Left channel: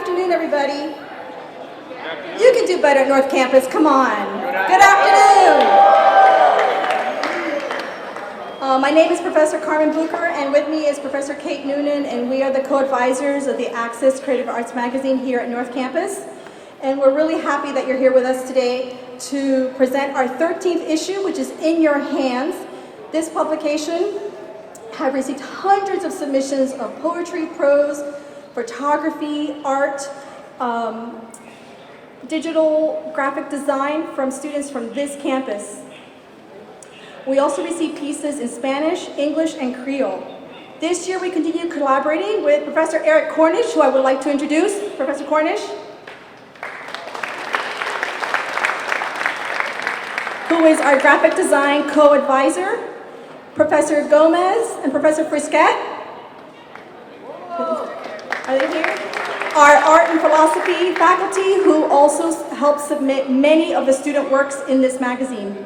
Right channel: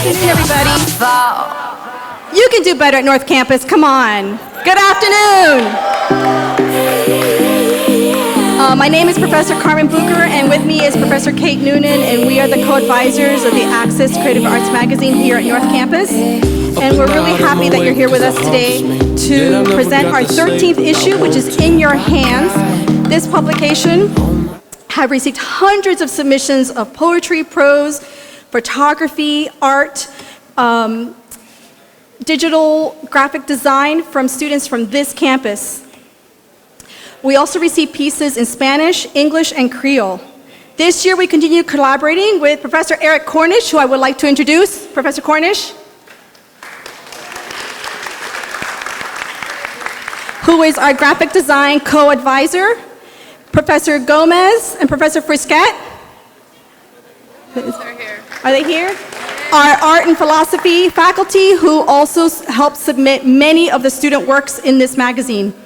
afternoon, everybody. You can do better at North Campus. Come on. Good afternoon. My name is Professor Carmen Bucher, and with me is Professor Kate Noonan, and we are the co-advisors of the Access Creative Arts Magazine here at North Campus. And we're really happy that you're here with us today to present our 13th issue, which is in your hands. This publication have received hundreds of submissions of poetry, prose, photography, art, digital graphic design from students from this campus. We also received pieces in Spanish, English, and Creole. This year we continue collaborating with Professor Eric Cornish, who I would like to introduce. Professor Cornish, who is our graphic design co-advisor. Professor Gomez and Professor Frisquet. Are they here? Our art and philosophy faculty, who also helped submit many of the student works in this magazine.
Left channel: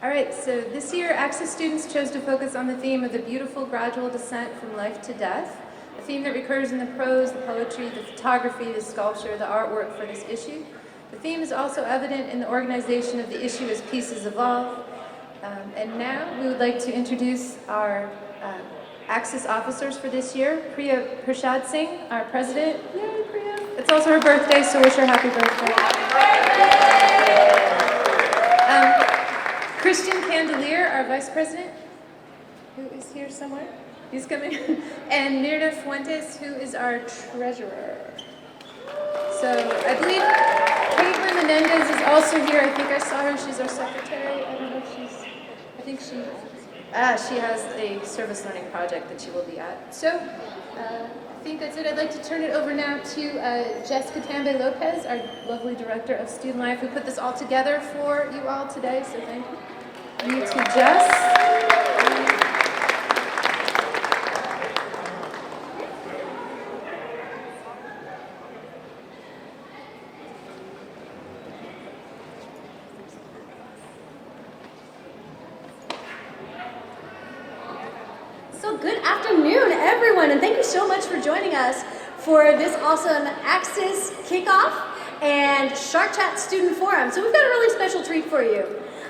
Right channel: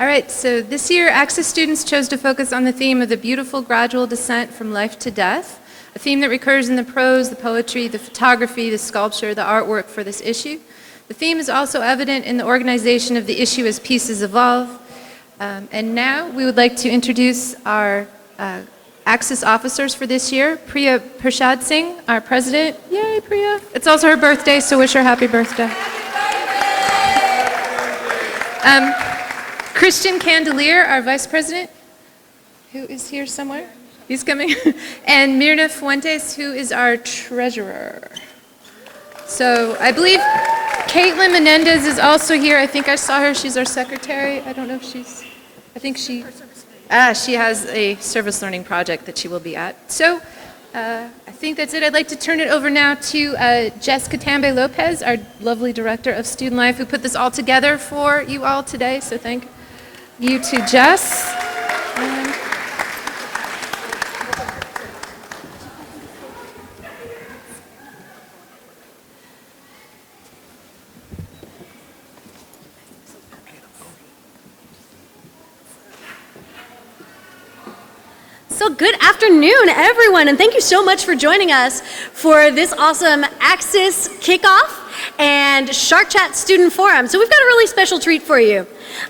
All right, so this year, Access students chose to focus on the theme of the beautiful gradual descent from life to death, a theme that recurs in the prose, the poetry, the photography, the sculpture, the artwork for this issue. The theme is also evident in the organization of the issue as pieces evolve. And now we would like to introduce our Access officers for this year. Priya Prashad Singh, our president. Yay, Priya. It's also her birthday, so wish her happy birthday. Christian Candelier, our vice president, who is here somewhere. He's coming. And Mirna Fuentes, who is our treasurer. So I believe Caitlin Menendez is also here. I think I saw her. She's our secretary. I don't know if she has a service learning project that she will be at. So I think that's it. I'd like to turn it over now to Jessica Tambe Lopez, our lovely director of student life, who put this all together for you all today. So thank you to Jess. So good afternoon, everyone, and thank you so much for joining us for this awesome Access kickoff and Shark Chat Student Forum. So we've got a really special treat for you.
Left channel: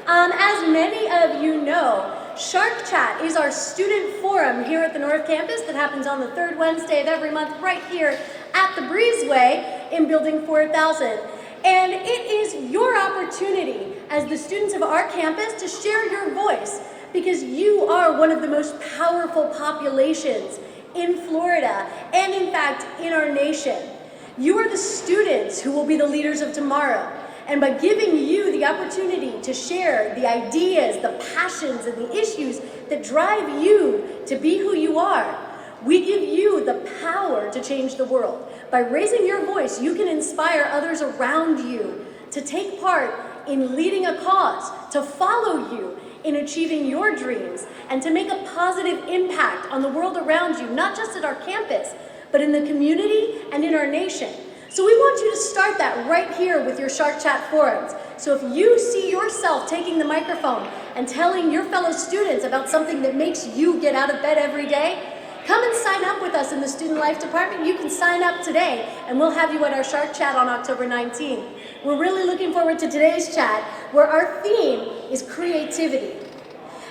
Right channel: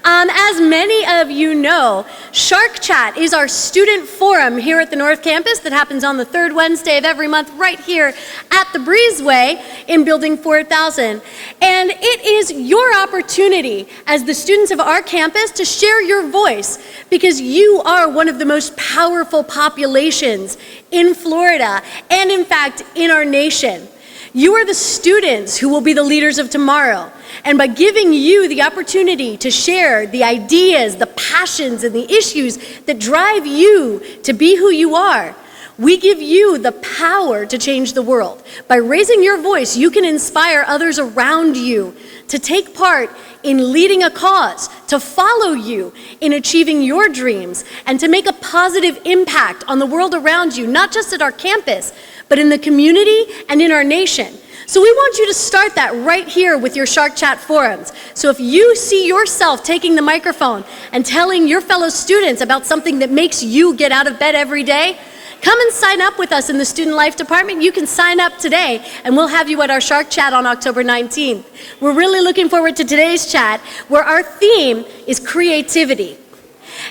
As many of you know, Shark Chat is our student forum here at the North Campus that happens on the third Wednesday of every month right here at the Breezeway in Building 4000. And it is your opportunity as the students of our campus to share your voice, because you are one of the most powerful populations in Florida and, in fact, in our nation. You are the students who will be the leaders of tomorrow. And by giving you the opportunity to share the ideas, the passions, and the issues that drive you to be who you are, we give you the power to change the world. By raising your voice, you can inspire others around you to take part in leading a cause, to follow you in achieving your dreams, and to make a positive impact on the world around you, not just at our campus, but in the community and in our nation. So we want you to start that right here with your Shark Chat forums. So if you see yourself taking the microphone and telling your fellow students about something that makes you get out of bed every day, come and sign up with us in the Student Life Department. You can sign up today, and we'll have you at our Shark Chat on October 19th. We're really looking forward to today's chat, where our theme is creativity.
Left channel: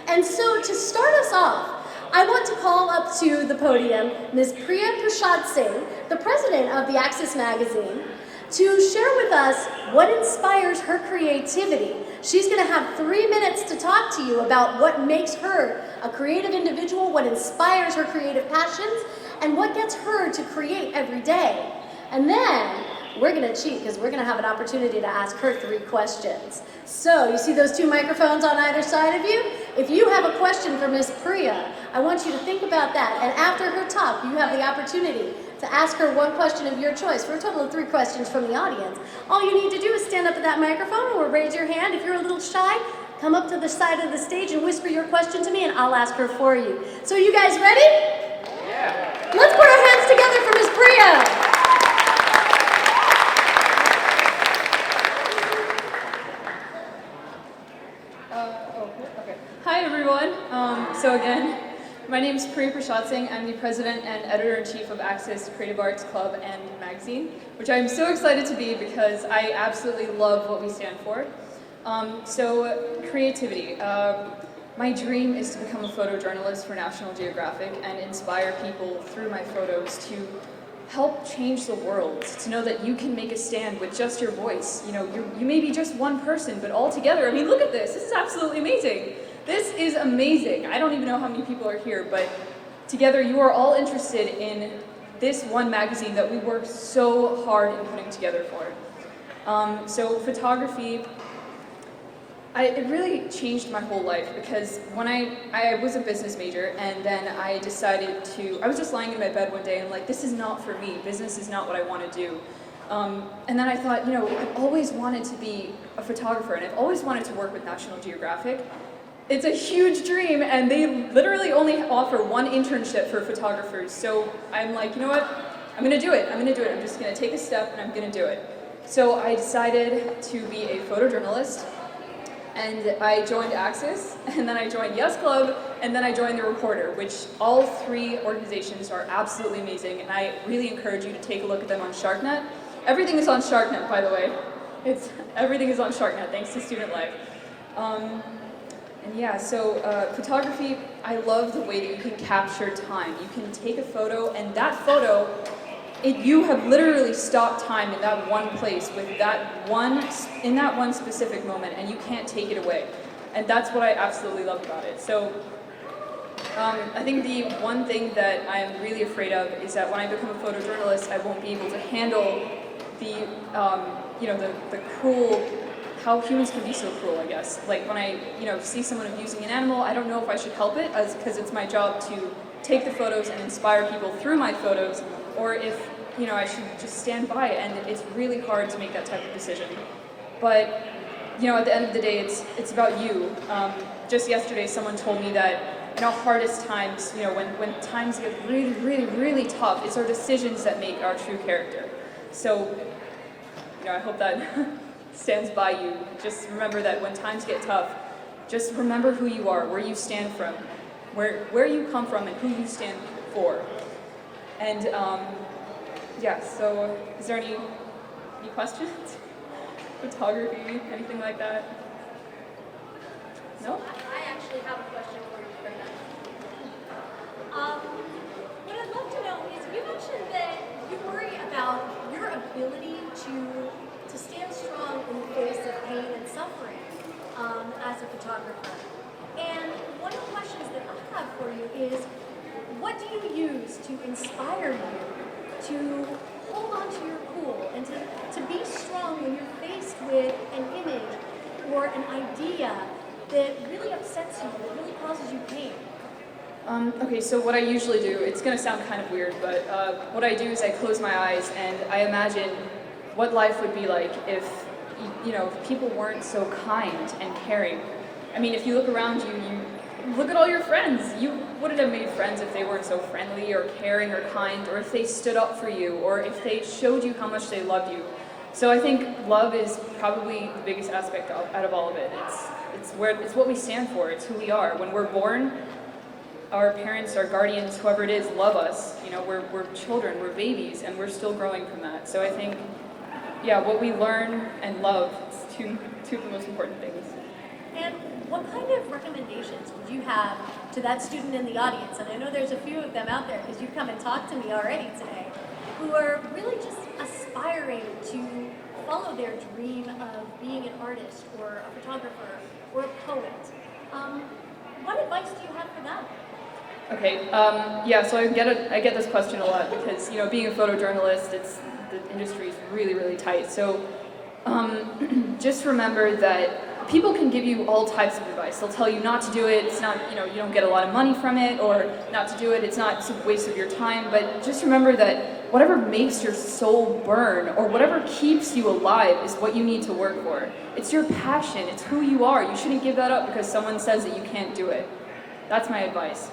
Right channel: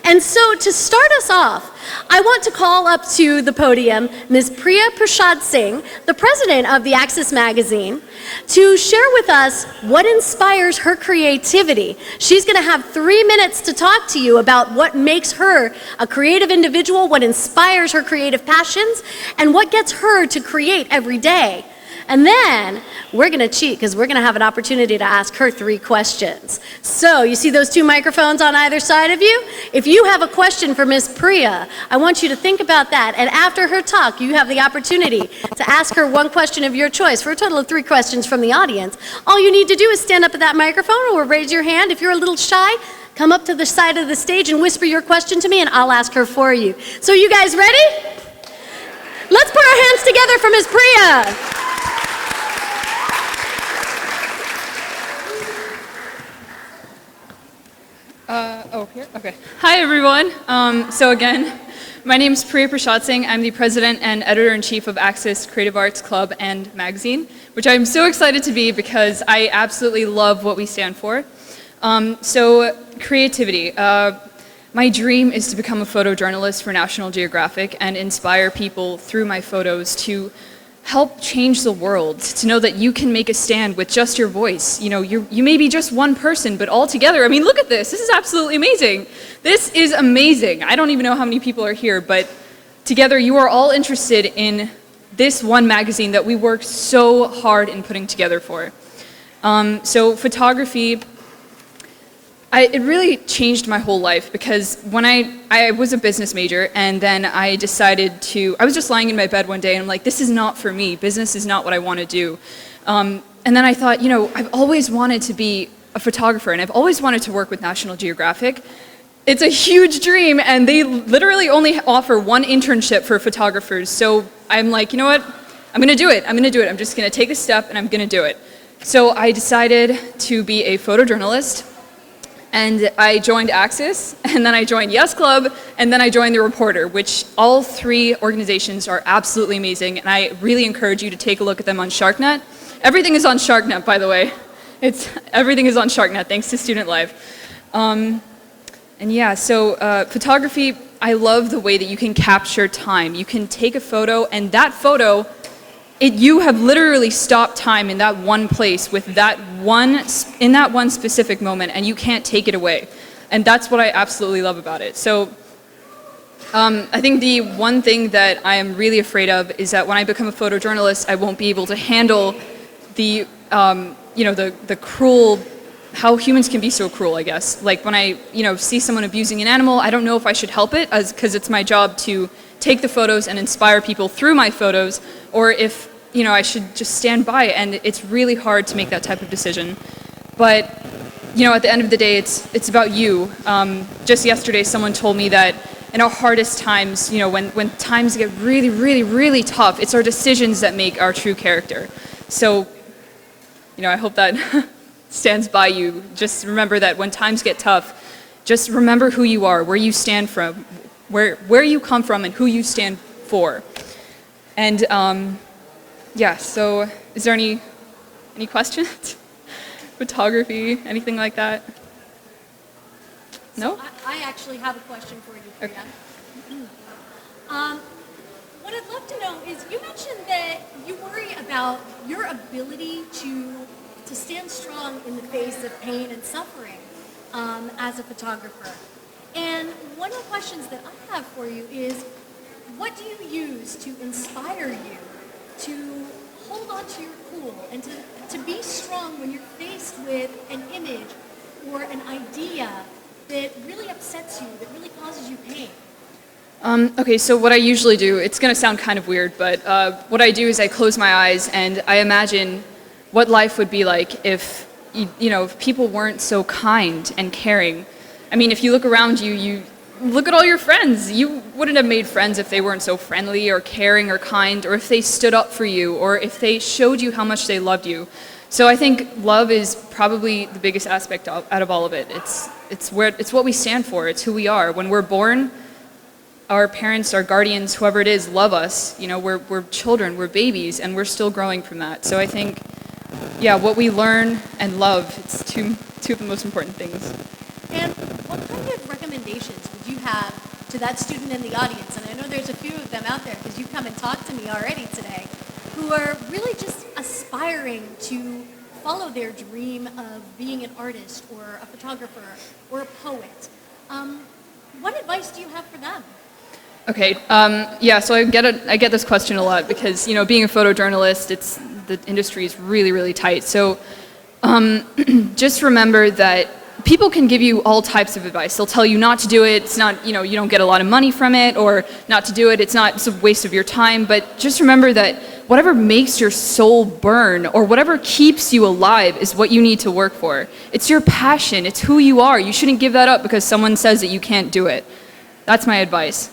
And so to start us off, I want to call up to the podium Ms. Priya Prashad Singh, the president of the Access magazine, to share with us what inspires her creativity. She's going to have 3 minutes to talk to you about what makes her a creative individual, what inspires her creative passions, and what gets her to create every day. And then we're going to cheat, because we're going to have an opportunity to ask her 3 questions. So you see those 2 microphones on either side of you? If you have a question for Ms. Priya, I want you to think about that. And after her talk, you have the opportunity to ask her 1 question of your choice for a total of 3 questions from the audience. All you need to do is stand up at that microphone or raise your hand. If you're a little shy, come up to the side of the stage and whisper your question to me, and I'll ask her for you. So you guys ready? Let's put our hands together for Ms. Priya. Here? Okay. Hi, everyone. So again, My name is Priya Prashad Singh. I'm the president and editor-in-chief of Access Creative Arts Club and Magazine, which I'm so excited to be because I absolutely love what we stand for. So creativity. My dream is to become a photojournalist for National Geographic and inspire people through my photos to help change the world, to know that you can make a stand with just your voice. You know, you may be just one person, but all together, I mean, look at this. This is absolutely amazing. This is amazing. I don't even know how many people are here, but together you are all interested in this one magazine that we worked so hard in putting together for. So photography, it really changed my whole life because when I was a business major and then I decided I was just lying in my bed one day and I'm like, this is not for me. Business is not what I want to do. And then I thought, you know, I've always wanted to be a photographer and I've always wanted to work with National Geographic. It's a huge dream and they literally only offer one internship for photographers. So I'm like, you know what? I'm going to do it. I'm going to do it. I'm just going to take this step and I'm going to do it. So I decided to be a photojournalist. And I joined Access, and then I joined Yes Club, and then I joined The Reporter, which all three organizations are absolutely amazing, and I really encourage you to take a look at them on SharkNet. Everything is on SharkNet, by the way. Everything is on SharkNet, thanks to Student Life. And yeah, so photography, I love the way that you can capture time. You can take a photo, and that photo, you have literally stopped time in that one place with in that one specific moment, and you can't take it away. And that's what I absolutely love about it. So I think the one thing that I am really afraid of is that when I become a photojournalist, I won't be able to handle the cruel, how humans can be so cruel, I guess. Like when I, see someone abusing an animal, I don't know if I should help it because it's my job to take the photos and inspire people through my photos, or if I should just stand by, and it's really hard to make that type of decision. But, at the end of the day, it's about you. Just yesterday, someone told me that in our hardest times, when times get really, really, really tough, it's our decisions that make our true character. So, I hope that stands by you. Just remember that when times get tough, just remember who you are, where you stand from, where you come from, and who you stand for. And, yeah, so is there any questions? Photography, anything like that? No? So I actually have a question for you. Okay. What I'd love to know is you mentioned that you worry about your ability to stand strong in the face of pain and suffering as a photographer. And one of the questions that I have for you is, what do you use to inspire you to hold on to your cool and to be strong when you're faced with an image or an idea that really upsets you, that really causes you pain? Okay, so what I usually do, it's going to sound kind of weird, but what I do is I close my eyes and I imagine what life would be like if, if people weren't so kind and caring. I mean, if you look around you, you look at all your friends. You wouldn't have made friends if they weren't so friendly or caring or kind, or if they stood up for you, or if they showed you how much they loved you. So I think love is probably the biggest aspect out of all of it. It's what we stand for. It's who we are. When we're born, our parents, our guardians, whoever it is, love us. We're children, we're babies, and we're still growing from that. So I think, yeah, what we learn and love, it's two of the most important things. And what kind of recommendations would you have to that student in the audience? And I know there's a few of them out there because you've come and talked to me already today, who are really just aspiring to follow their dream of being an artist or a photographer or a poet. What advice do you have for them? Okay, yeah, so I get this question a lot because, being a photojournalist, the industry is really, really tight. So just remember that people can give you all types of advice. They'll tell you not to do it. It's not, you don't get a lot of money from it, or not to do it. It's a waste of your time. But just remember that whatever makes your soul burn or whatever keeps you alive is what you need to work for. It's your passion. It's who you are. You shouldn't give that up because someone says that you can't do it. That's my advice.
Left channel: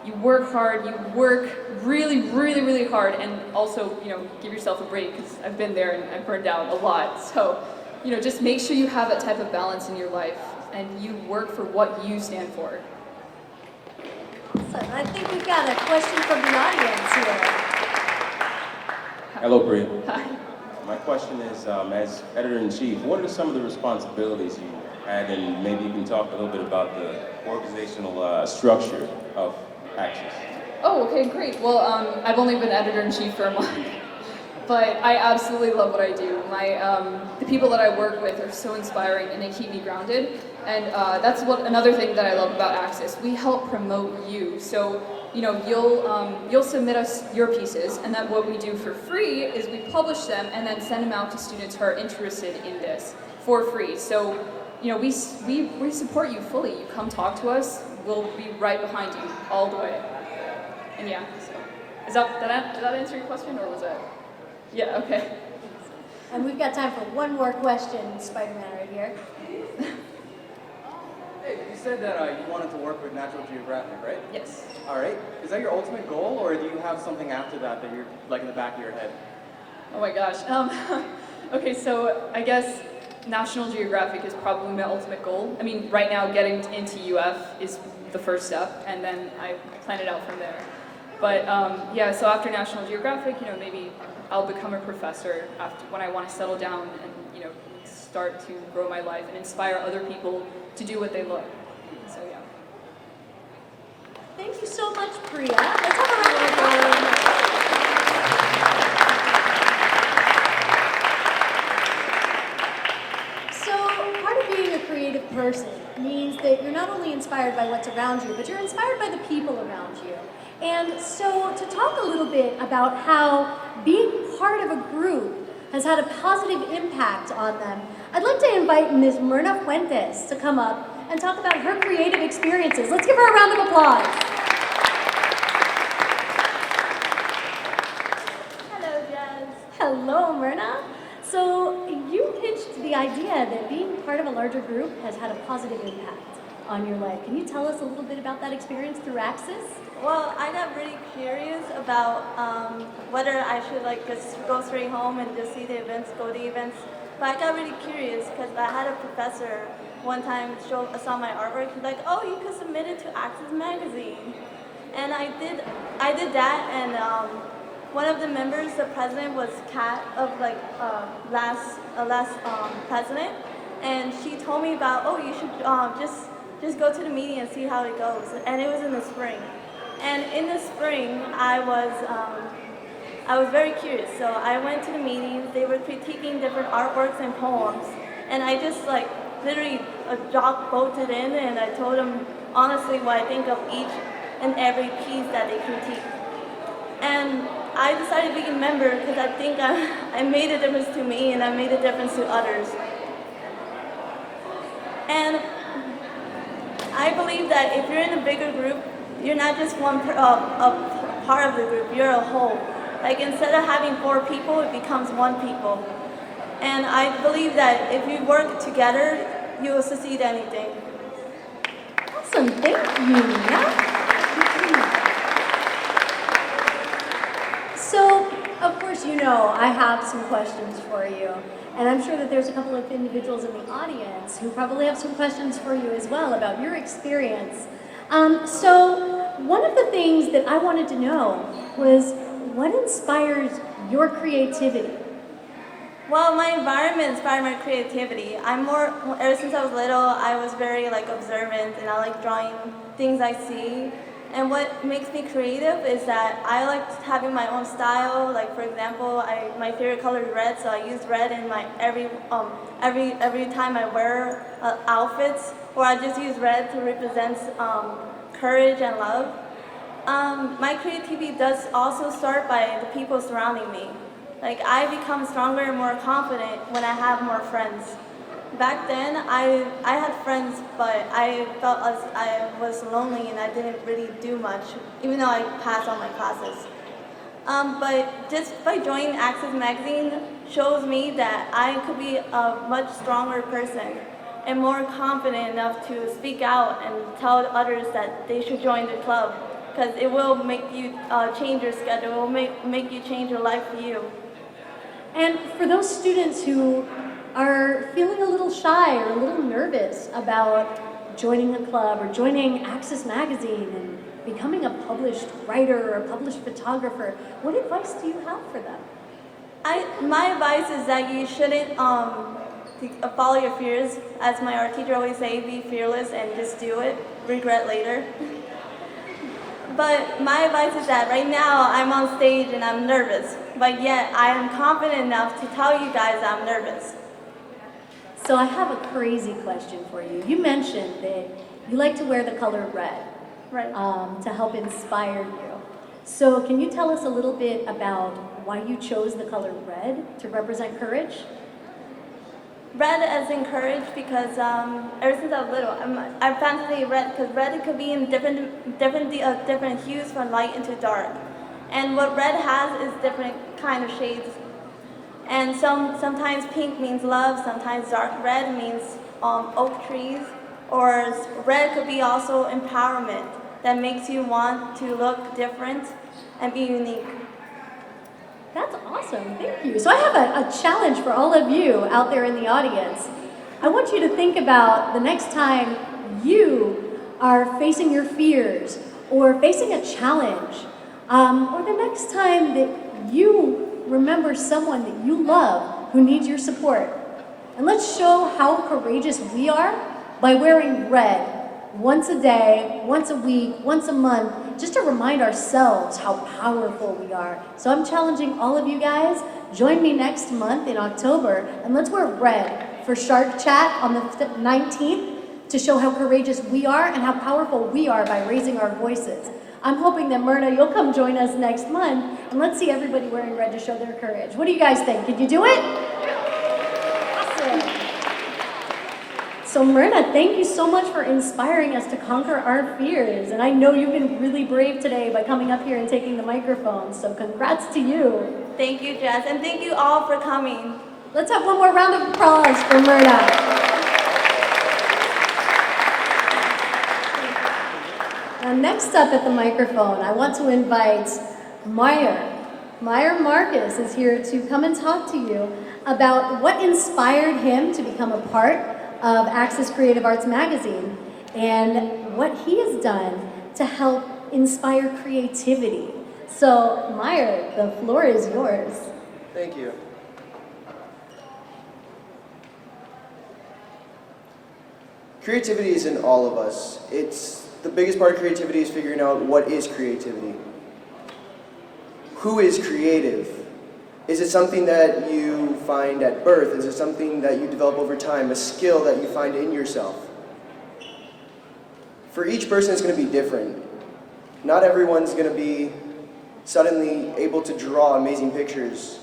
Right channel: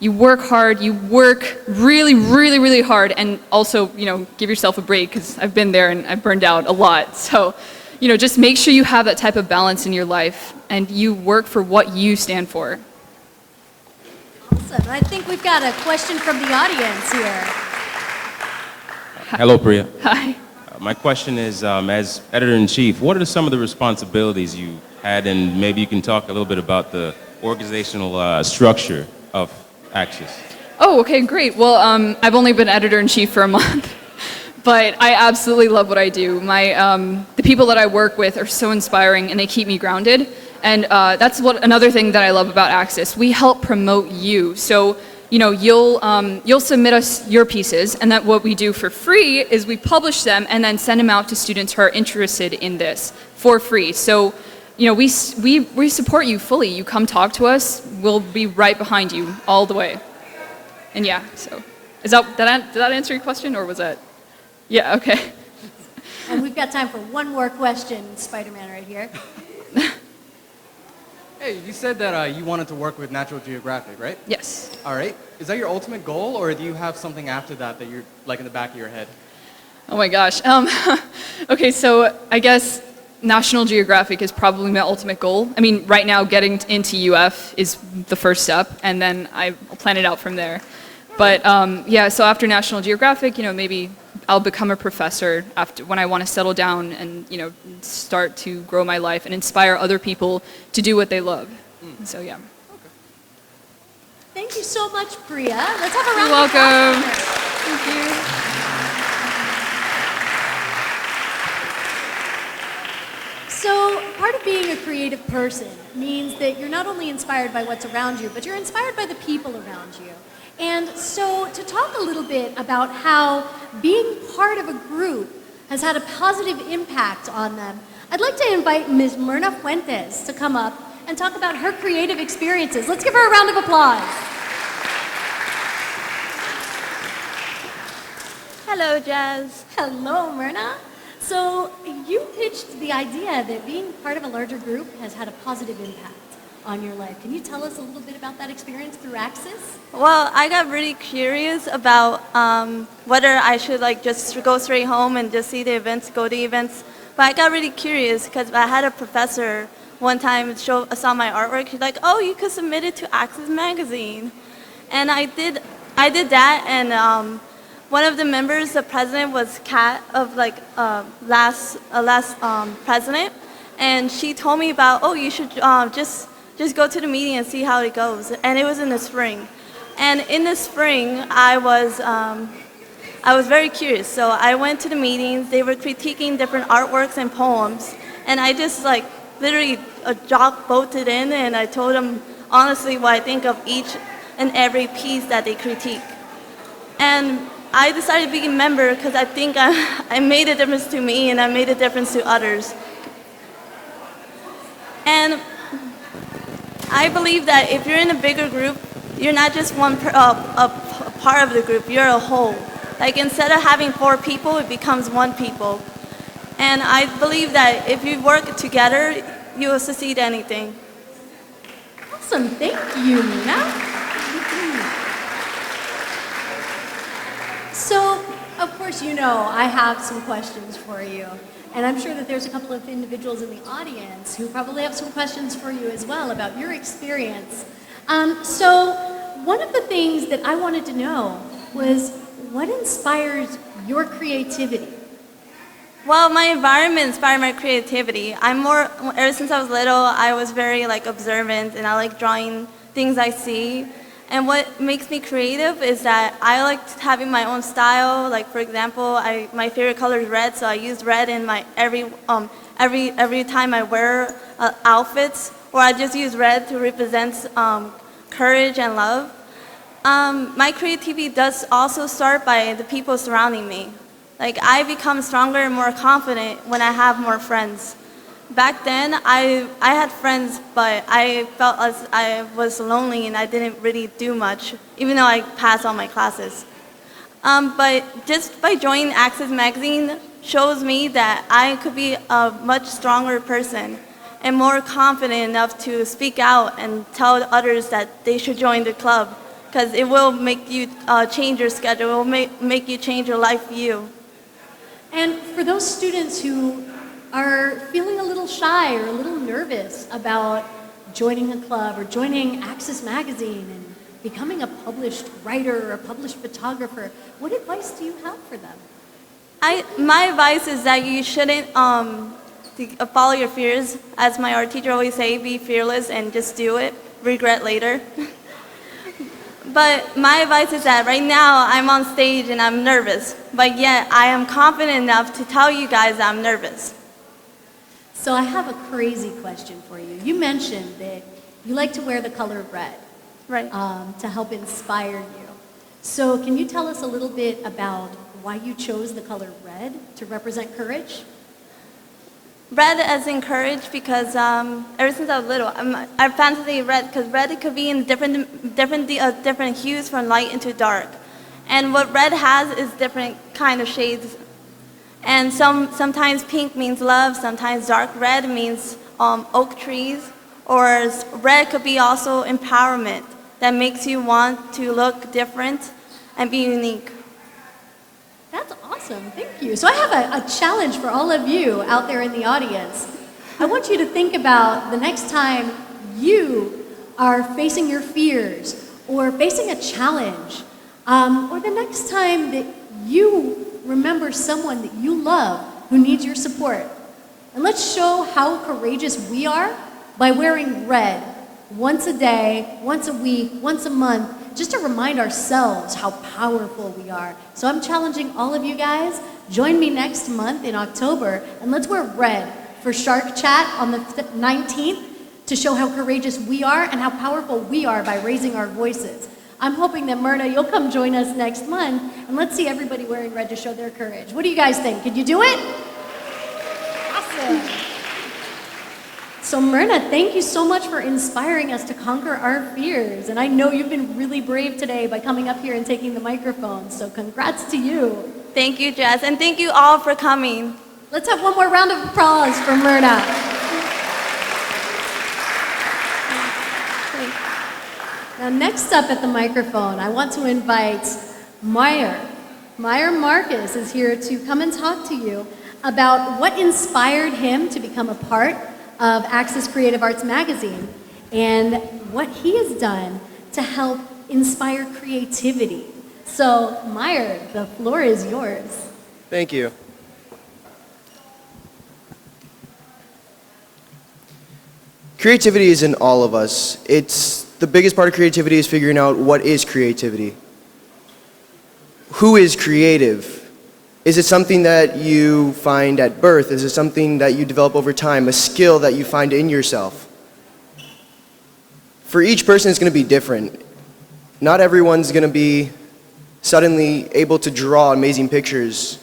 You work hard. You work really, really, really hard, and also, give yourself a break because I've been there and I've burned out a lot. So, just make sure you have that type of balance in your life and you work for what you stand for. Awesome. Awesome. I think we've got a question from the audience here. Hello, Priya. Hi. My question is, as editor-in-chief, what are some of the responsibilities you had, and maybe you can talk a little bit about the organizational structure of Axis? Oh, okay, great. Well, I've only been editor-in-chief for a month, but I absolutely love what I do. The people that I work with are so inspiring, and they keep me grounded. And that's another thing that I love about Axis. We help promote you. So, you'll submit us your pieces, and then what we do for free is we publish them and then send them out to students who are interested in this for free. So, we support you fully. You come talk to us, we'll be right behind you all the way. And yeah, so did that answer your question, or was that? Yeah, okay. And we've got time for one more question, Spider-Man right here. Hey, you said that you wanted to work with Natural Geographic, right? Yes. All right. Is that your ultimate goal, or do you have something after that that you're like in the back of your head? Oh my gosh. Okay, so I guess National Geographic is probably my ultimate goal. I mean, right now getting into UF is the first step, and then I plan it out from there. But yeah, so after National Geographic, maybe I'll become a professor when I want to settle down and start to grow my life and inspire other people to do what they love. So yeah. Thank you so much, Priya. Let's have a round You're of applause. welcome. So, part of being a creative person means that you're not only inspired by what's around you, but you're inspired by the people around you. And so, to talk a little bit about how being part of a group has had a positive impact on them, I'd like to invite Ms. Myrna Fuentes to come up and talk about her creative experiences. Let's give her a round of applause. Hello, Jazz. Hello, Myrna. So, you pitched the idea that being part of a larger group has had a positive impact on your life. Can you tell us a little bit about that experience through Axis? Well, I got really curious about whether I should just go straight home and just see the events, go to events. But I got really curious because I had a professor one time saw my artwork. She's like, "Oh, you could submit it to Axis magazine," and I did that. And one of the members, the president, was Kat of last president, and she told me about, "Oh, you should just go to the meeting and see how it goes." And it was in the spring. And in the spring, I was very curious. So I went to the meetings. They were critiquing different artworks and poems. And I just literally bolted in, and I told them honestly what I think of each and every piece that they critique. And I decided to be a member because I think I made a difference to me, and I made a difference to others. And I believe that if you're in a bigger group, you're not just a part of the group, you're a whole. Instead of having 4 people, it becomes 1 people. And I believe that if you work together, you will succeed anything. Awesome, thank you, Nina. So, of course, I have some questions for you. And I'm sure that there's a couple of individuals in the audience who probably have some questions for you as well about your experience. So one of the things that I wanted to know was what inspires your creativity? Well, my environment inspired my creativity. Ever since I was little, I was very observant, and I like drawing things I see. And what makes me creative is that I like having my own style. For example, my favorite color is red, so I use red in my every time I wear outfits, or I just use red to represent courage and love. My creativity does also start by the people surrounding me. I become stronger and more confident when I have more friends. Back then, I had friends, but I felt as I was lonely and I didn't really do much, even though I passed all my classes. But just by joining Axis magazine shows me that I could be a much stronger person and more confident enough to speak out and tell others that they should join the club, because it will make you change your schedule, it will make you change your life view. And for those students who are feeling a little shy or a little nervous about joining a club or joining Axis magazine and becoming a published writer or a published photographer, what advice do you have for them? My advice is that you shouldn't follow your fears. As my art teacher always say, be fearless and just do it, regret later. But my advice is that right now I'm on stage and I'm nervous, but yet I am confident enough to tell you guys I'm nervous. So I have a crazy question for you. You mentioned that you like to wear the color red, Right. to help inspire you. So can you tell us a little bit about why you chose the color red to represent courage? Red as in courage because ever since I was little, I fantasy red because red could be in different hues from light into dark, and what red has is different kind of shades. And sometimes pink means love, sometimes dark red means oak trees, or red could be also empowerment that makes you want to look different and be unique. That's awesome, thank you. So I have a challenge for all of you out there in the audience. I want you to think about the next time you are facing your fears or facing a challenge, or the next time that you remember someone that you love who needs your support. And let's show how courageous we are by wearing red once a day, once a week, once a month, just to remind ourselves how powerful we are. So I'm challenging all of you guys, join me next month in October, and let's wear red for Shark Chat on the 19th to show how courageous we are and how powerful we are by raising our voices. I'm hoping that Myrna, you'll come join us next month, and let's see everybody wearing red to show their courage. What do you guys think? Can you do it? Awesome. So Myrna, thank you so much for inspiring us to conquer our fears. And I know you've been really brave today by coming up here and taking the microphone. So congrats to you. Thank you, Jess, and thank you all for coming. Let's have one more round of applause for Myrna. Now next up at the microphone, I want to invite Meyer. Meyer Marcus is here to come and talk to you about what inspired him to become a part of Access Creative Arts Magazine and what he has done to help inspire creativity. So, Meyer, the floor is yours. Thank you. Creativity is in all of us. The biggest part of creativity is figuring out what is creativity. Who is creative? Is it something that you find at birth? Is it something that you develop over time? A skill that you find in yourself? For each person, it's going to be different. Not everyone's going to be suddenly able to draw amazing pictures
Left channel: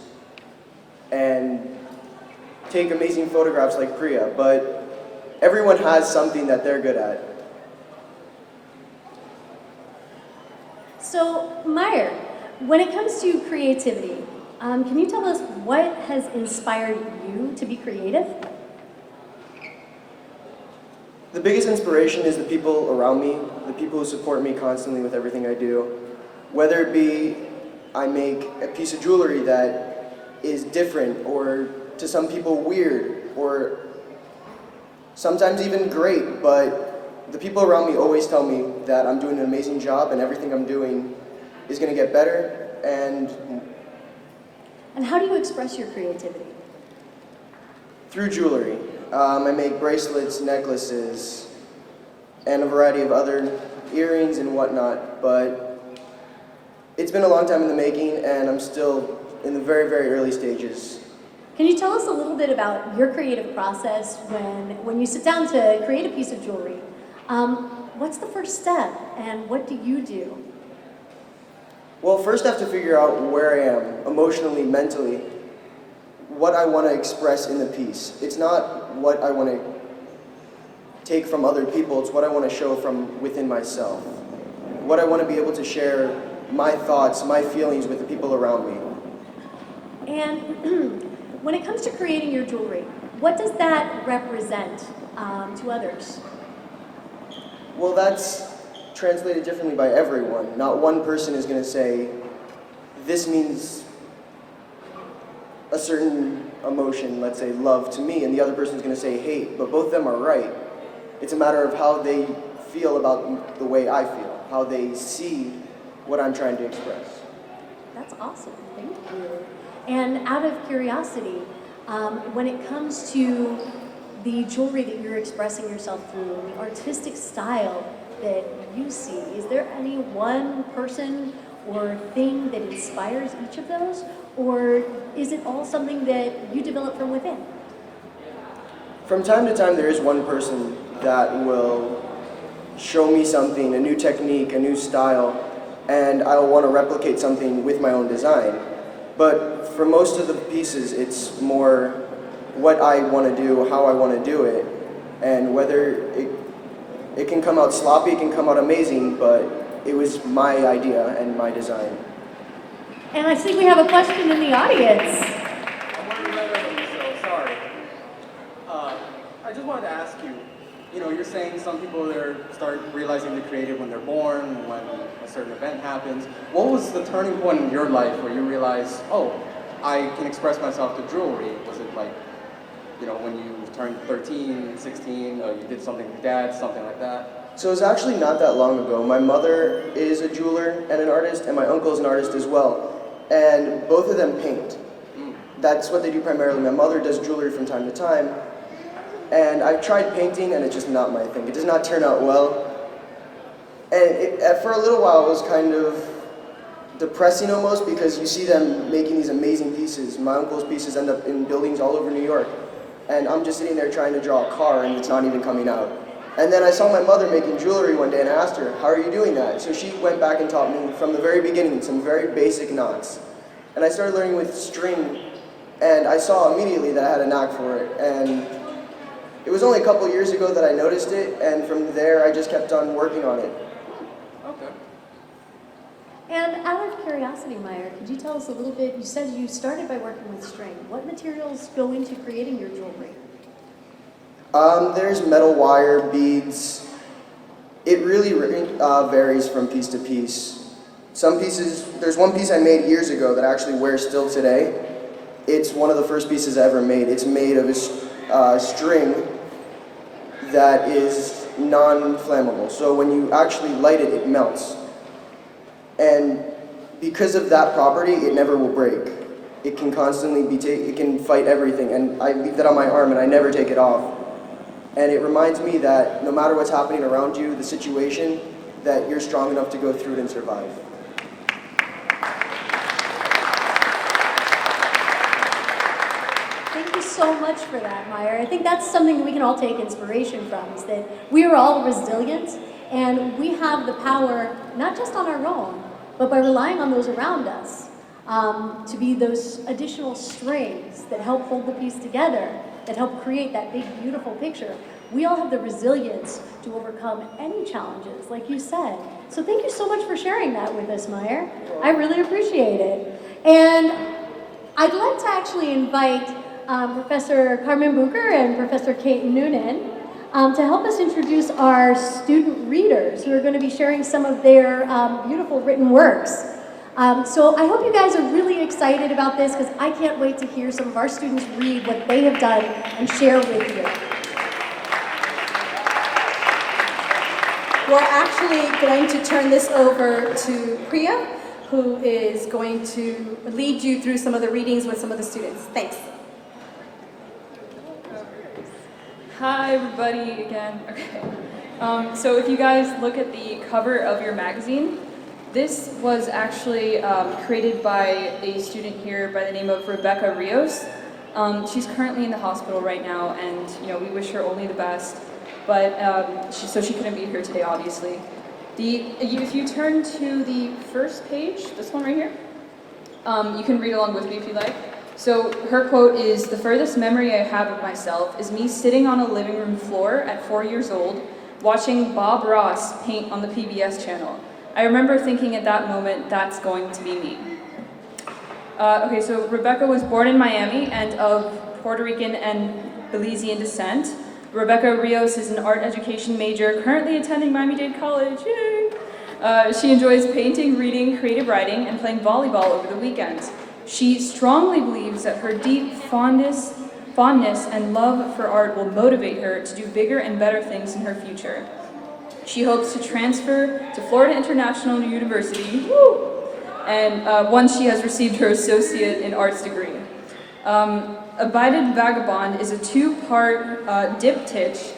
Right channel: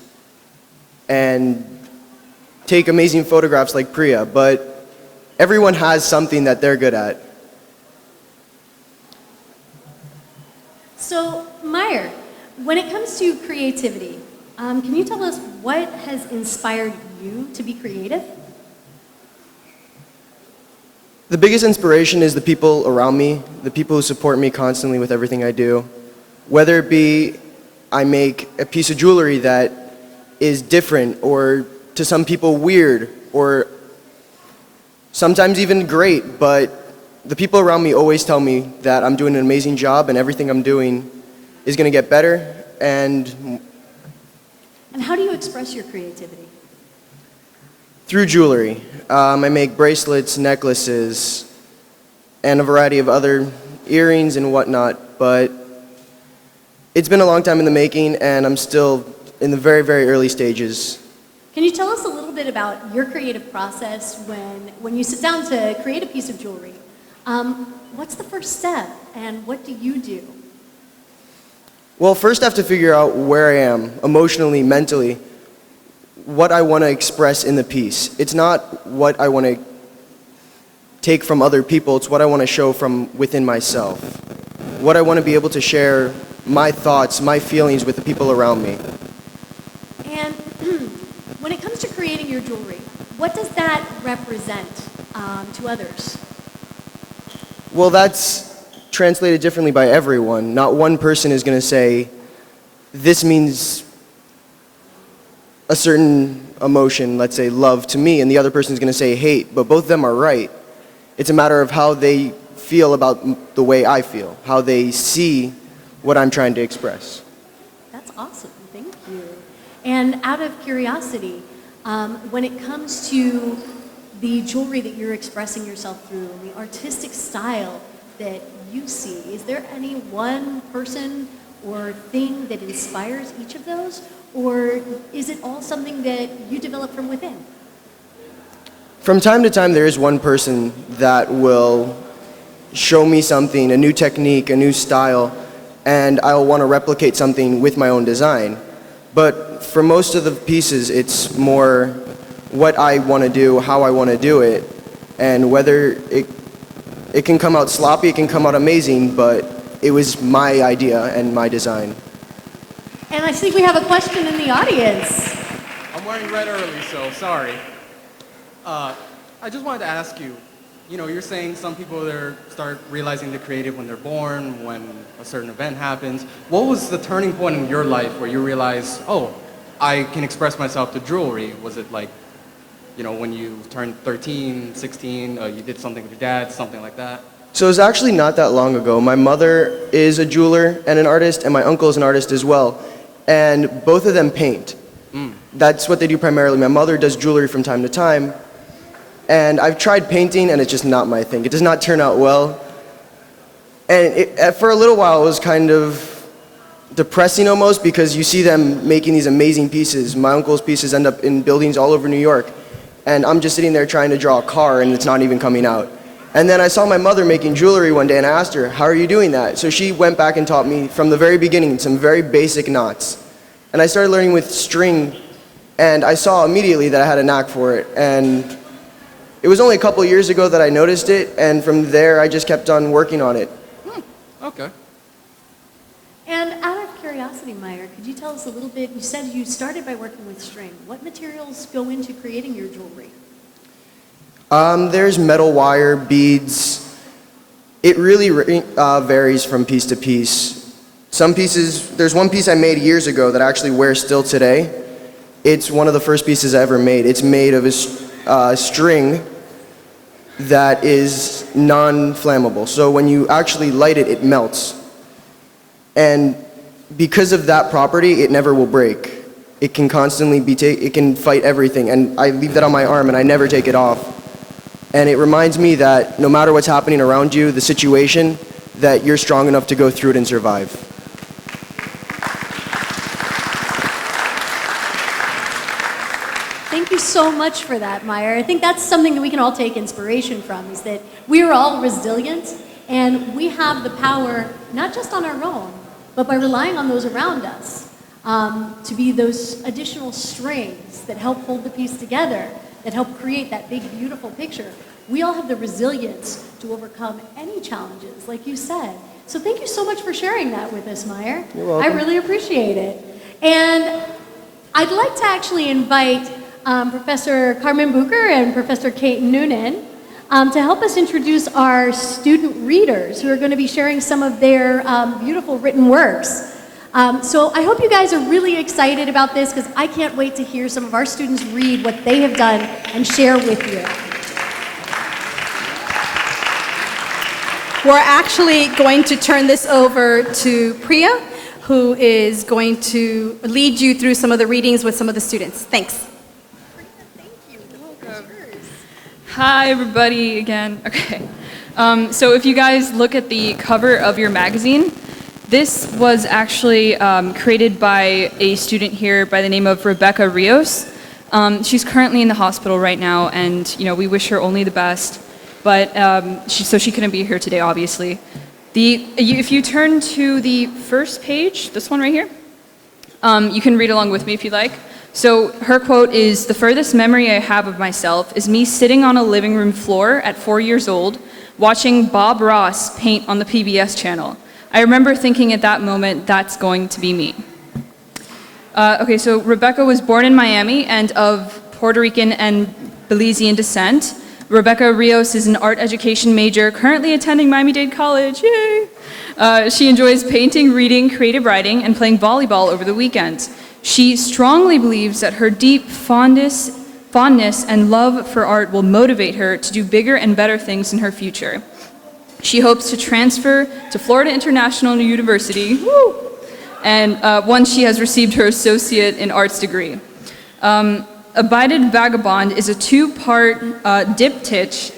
and take amazing photographs like Priya, but everyone has something that they're good at. So, Meyer, when it comes to creativity, can you tell us what has inspired you to be creative? The biggest inspiration is the people around me, the people who support me constantly with everything I do. Whether it be I make a piece of jewelry that is different or to some people weird or sometimes even great, but the people around me always tell me that I'm doing an amazing job and everything I'm doing is going to get better. And how do you express your creativity? Through jewelry. I make bracelets, necklaces, and a variety of other earrings and whatnot, but it's been a long time in the making and I'm still in the very, very early stages. Can you tell us a little bit about your creative process when you sit down to create a piece of jewelry? What's the first step and what do you do? Well, first I have to figure out where I am emotionally, mentally, what I want to express in the piece. It's not what I want to take from other people, it's what I want to show from within myself. What I want to be able to share my thoughts, my feelings with the people around me. And when it comes to creating your jewelry, what does that represent to others? Well, that's translated differently by everyone. Not one person is going to say, this means a certain emotion, let's say love to me, and the other person is going to say hate, but both of them are right. It's a matter of how they feel about the way I feel, how they see what I'm trying to express. That's awesome. Thank you. And out of curiosity, when it comes to the jewelry that you're expressing yourself through, the artistic style that you see, is there any one person or thing that inspires each of those? Or is it all something that you develop from within? From time to time, there is one person that will show me something, a new technique, a new style, and I will want to replicate something with my own design. But for most of the pieces, it's more what I want to do, how I want to do it, and whether it can come out sloppy, it can come out amazing, but it was my idea and my design. And I think we have a question in the audience. I'm wearing red early, so sorry. I just wanted to ask you, you're saying some people start realizing they're creative when they're born, when a certain event happens. What was the turning point in your life where you realized, oh, I can express myself through jewelry? Was it like, when you turned 13, 16, you did something with your dad, something like that? So it was actually not that long ago. My mother is a jeweler and an artist, and my uncle is an artist as well. And both of them paint. That's what they do primarily. My mother does jewelry from time to time. And I've tried painting, and it's just not my thing. It does not turn out well. And for a little while, it was kind of depressing almost, because you see them making these amazing pieces. My uncle's pieces end up in buildings all over New York. And I'm just sitting there trying to draw a car, and it's not even coming out. And then I saw my mother making jewelry one day, and I asked her, how are you doing that? So she went back and taught me from the very beginning some very basic knots. And I started learning with string, and I saw immediately that I had a knack for it. And it was only a couple years ago that I noticed it, and from there I just kept on working on it. Okay. And out of curiosity, Meyer, could you tell us a little bit, you said you started by working with string. What materials go into creating your jewelry? There's metal wire, beads. It really varies from piece to piece. Some pieces, there's one piece I made years ago that I actually wear still today. It's one of the first pieces I ever made. It's made of a string that is non-flammable. So when you actually light it, it melts. And because of that property, it never will break. It can constantly it can fight everything. And I leave that on my arm and I never take it off. And it reminds me that no matter what's happening around you, the situation, that you're strong enough to go through it and survive. Thank you so much for that, Meyer. I think that's something that we can all take inspiration from, is that we are all resilient, and we have the power, not just on our own, but by relying on those around us, to be those additional strings that help hold the piece together, that help create that big, beautiful picture. We all have the resilience to overcome any challenges, like you said. So thank you so much for sharing that with us, Meyer. You're welcome. I really appreciate it. And I'd like to actually invite Professor Carmen Bucher and Professor Kate Noonan to help us introduce our student readers who are going to be sharing some of their beautiful written works. So I hope you guys are really excited about this, because I can't wait to hear some of our students read what they have done and share with you. We're actually going to turn this over to Priya, who is going to lead you through some of the readings with some of the students. Thanks. Hi, everybody, again. Okay. So if you guys look at the cover of your magazine, this was actually created by a student here by the name of Rebecca Rios. She's currently in the hospital right now, and we wish her only the best. But so she couldn't be here today, obviously. If you turn to the first page, this one right here, you can read along with me if you'd like. So her quote is, "The furthest memory I have of myself is me sitting on a living room floor at 4 years old, watching Bob Ross paint on the PBS channel. I remember thinking at that moment, that's going to be me." Okay, so Rebecca was born in Miami and of Puerto Rican and Belizean descent. Rebecca Rios is an art education major, currently attending Miami-Dade College. Yay! She enjoys painting, reading, creative writing, and playing volleyball over the weekend. She strongly believes that her deep fondness and love for art will motivate her to do bigger and better things in her future. She hopes to transfer to Florida International University, and once she has received her associate in arts degree. Abidin Vagabond is a two-part diptych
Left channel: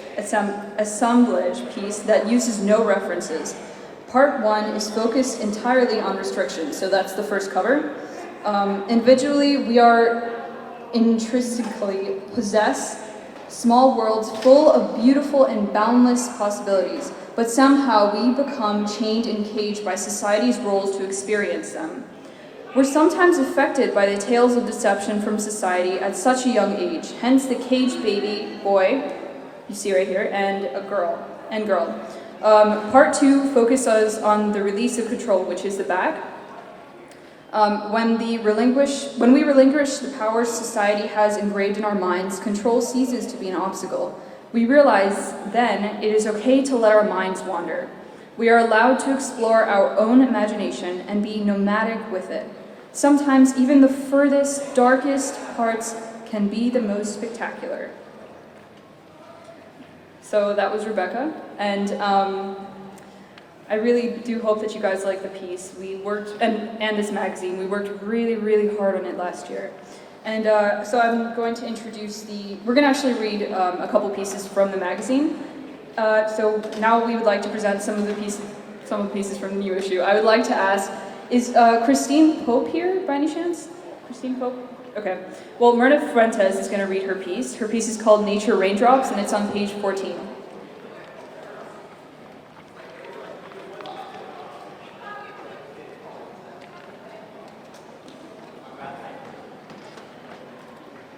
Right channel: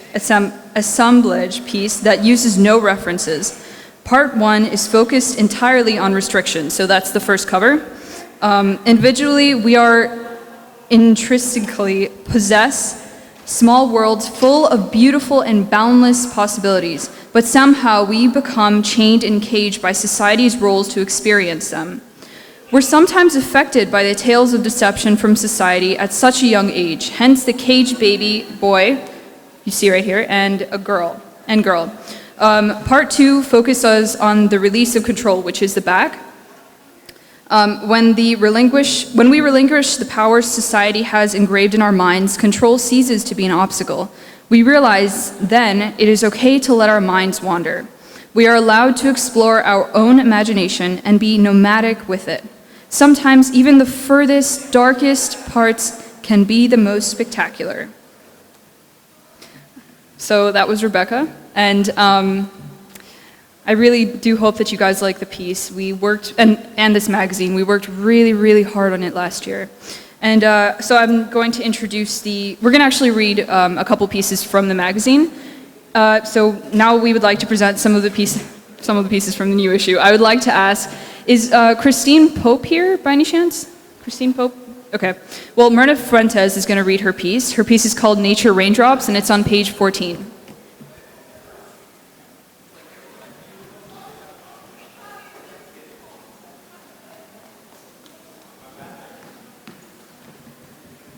assemblage piece that uses no references. Part 1 is focused entirely on restriction, so that's the first cover. Individually, we are intrinsically possess small worlds full of beautiful and boundless possibilities, but somehow we become chained and caged by society's roles to experience them. We're sometimes affected by the tales of deception from society at such a young age, hence the caged baby boy, you see right here, and a girl. Part 2 focuses on the release of control, which is the back. When we relinquish the powers society has engraved in our minds, control ceases to be an obstacle. We realize then it is okay to let our minds wander. We are allowed to explore our own imagination and be nomadic with it. Sometimes even the furthest, darkest parts can be the most spectacular. So that was Rebecca, and I really do hope that you guys like the piece. We worked, and this magazine, we worked really, really hard on it last year. And so I'm going to introduce we're going to actually read a couple pieces from the magazine. So now we would like to present some of the pieces from the new issue. I would like to ask, is Christine Pope here by any chance? Christine Pope? Okay. Well, Myrna Fuentes is going to read her piece. Her piece is called Nature Raindrops, and it's on page 14.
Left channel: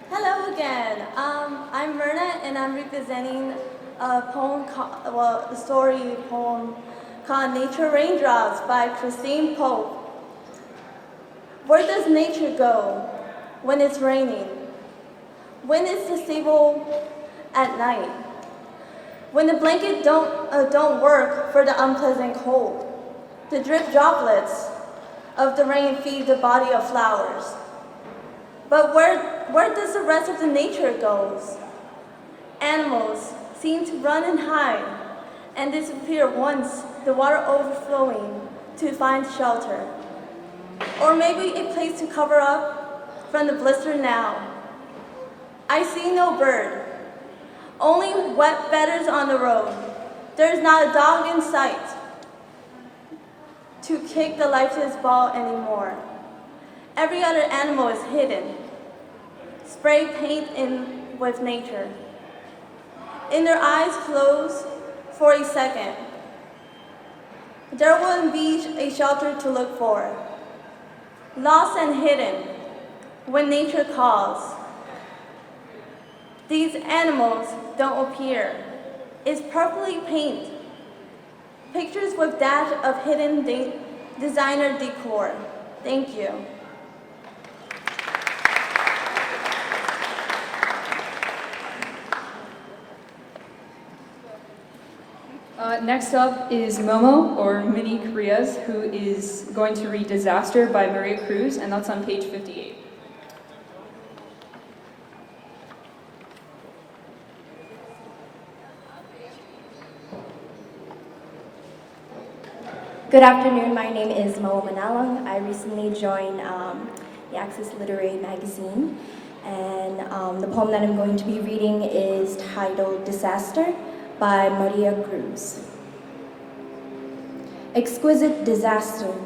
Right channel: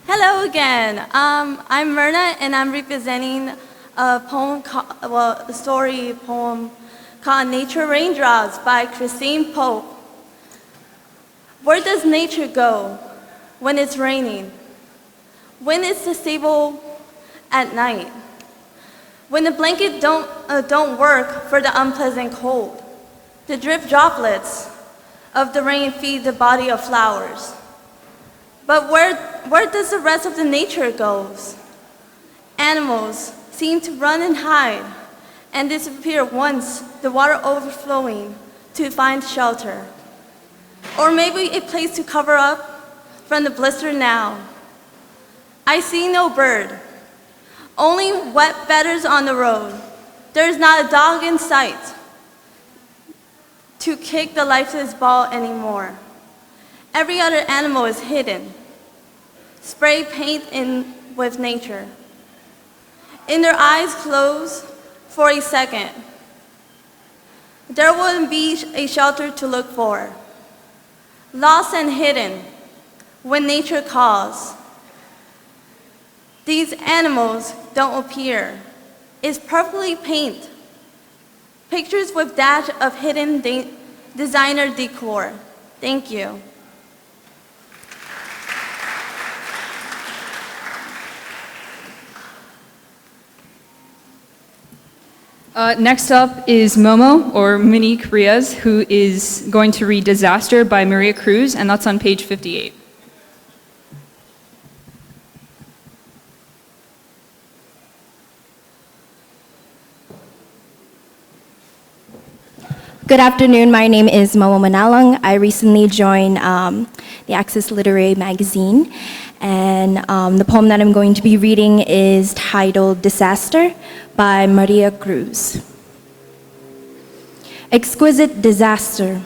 Hello again. I'm Myrna, and I'm representing a story poem called Nature Raindrops by Christine Pope. Where does nature go when it's raining? When it's disabled at night? When the blanket don't work for the unpleasant cold? The drip droplets of the rain feed the body of flowers. But where does the rest of the nature goes? Animals seem to run and hide and disappear once the water overflowing to find shelter. Or maybe a place to cover up from the blister now. I see no bird, only wet feathers on the road. There's not a dog in sight to kick the lifeless ball anymore. Every other animal is hidden, spray paint in with nature. In their eyes closed for a second, there wouldn't be a shelter to look for. Lost and hidden when nature calls. These animals don't appear. It's purpley paint. Pictures with dash of hidden designer decor. Thank you. Next up is Momo, or Monique Rios, who is going to read Disaster by Maria Cruz, and that's on page 58. Good afternoon, my name is Momo Manalang. I recently joined the Access Literary Magazine, and the poem that I'm going to be reading is titled Disaster by Maria Cruz. Exquisite disaster,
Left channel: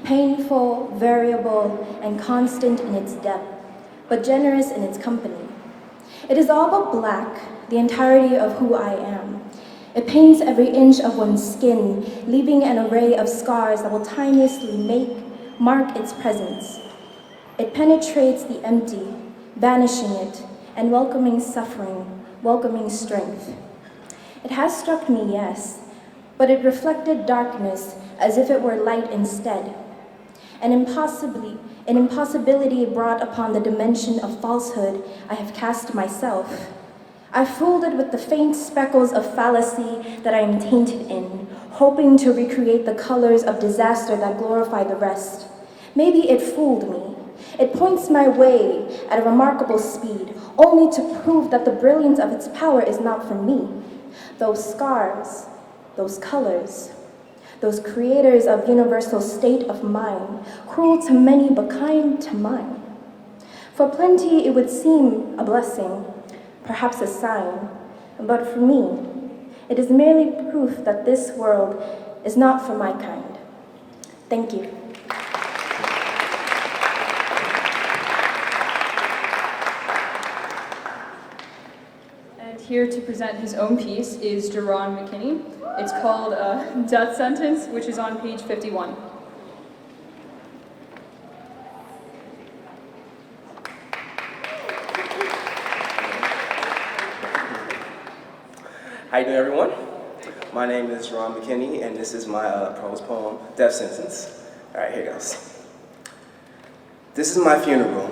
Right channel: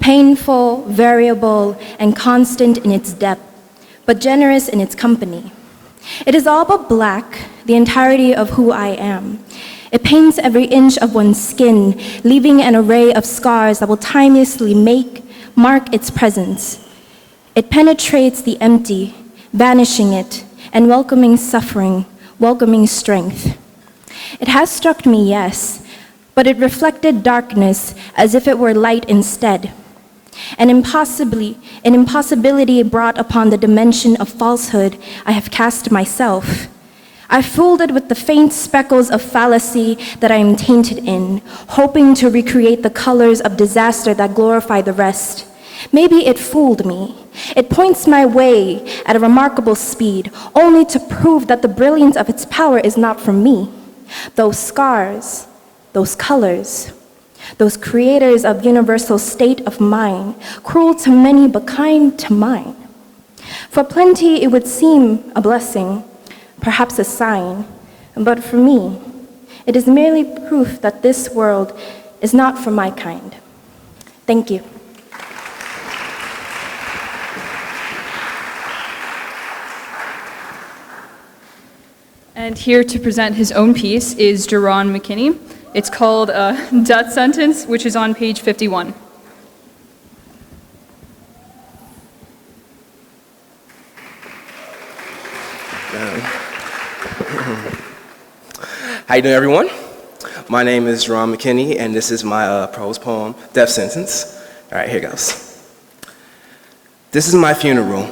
painful, variable, and constant in its depth, but generous in its company. It is all but black, the entirety of who I am. It paints every inch of one's skin, leaving an array of scars that will timelessly mark its presence. It penetrates the empty, banishing it, and welcoming suffering, welcoming strength. It has struck me, yes, but it reflected darkness as if it were light instead. An impossibility brought upon the dimension of falsehood I have cast myself. I fooled it with the faint speckles of fallacy that I am tainted in, hoping to recreate the colors of disaster that glorify the rest. Maybe it fooled me. It points my way at a remarkable speed, only to prove that the brilliance of its power is not from me. Those scars, those colors, those creators of universal state of mind, cruel to many but kind to mine. For plenty it would seem a blessing, perhaps a sign, but for me, it is merely proof that this world is not for my kind. Thank you. And here to present his own piece is Jerron McKinney. It's called Death Sentence, which is on page 51. How you doing, everyone? My name is Jerron McKinney, and this is my prose poem, Death Sentence. All right, here goes. This is my funeral.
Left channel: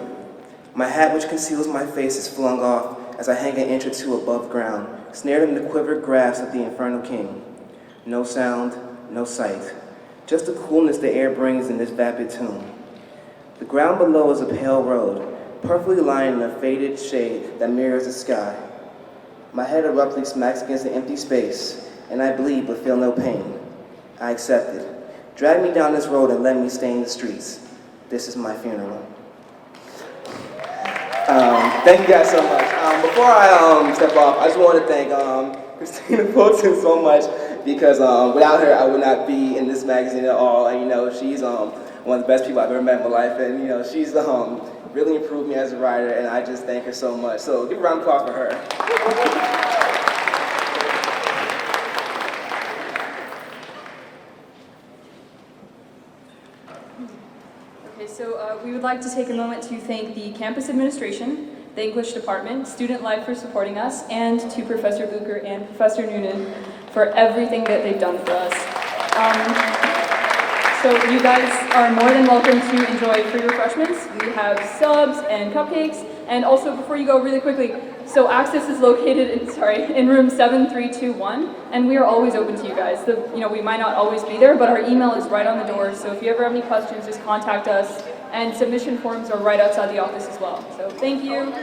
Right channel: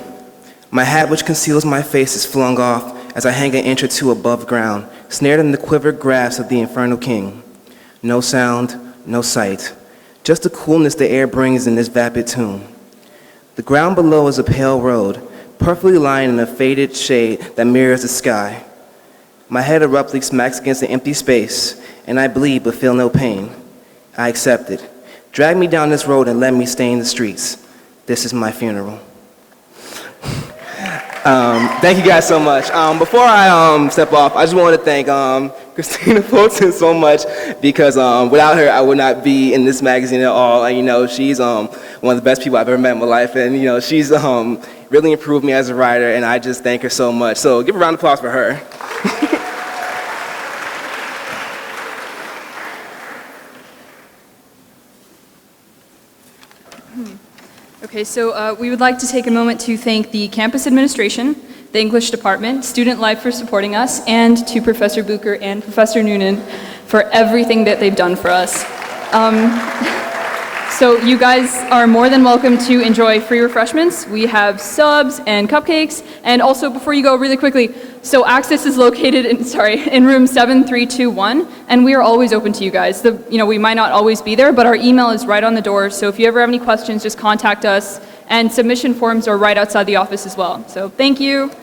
My hat which conceals my face is flung off as I hang an inch or two above ground, snared in the quivered grasp of the infernal king. No sound, no sight, just the coolness the air brings in this vapid tomb. The ground below is a pale road, perfectly lined in a faded shade that mirrors the sky. My head abruptly smacks against an empty space, and I bleed but feel no pain. I accept it. Drag me down this road and let me stain the streets. This is my funeral. Thank you guys so much. Before I step off, I just want to thank Christina Fulton so much, because without her, I would not be in this magazine at all. And, she's one of the best people I've ever met in my life, and she's really improved me as a writer, and I just thank her so much. So give a round of applause for her. Okay, so we would like to take a moment to thank the campus administration, the English department, Student Life for supporting us, and to Professor Bucher and Professor Noonan for everything that they've done for us. So you guys are more than welcome to enjoy free refreshments. We have subs and cupcakes, and also before you go, really quickly, so Access is located in room 7321, and we are always open to you guys. We might not always be there, but our email is right on the door, so if you ever have any questions, just contact us, and submission forms are right outside the office as well. So thank you.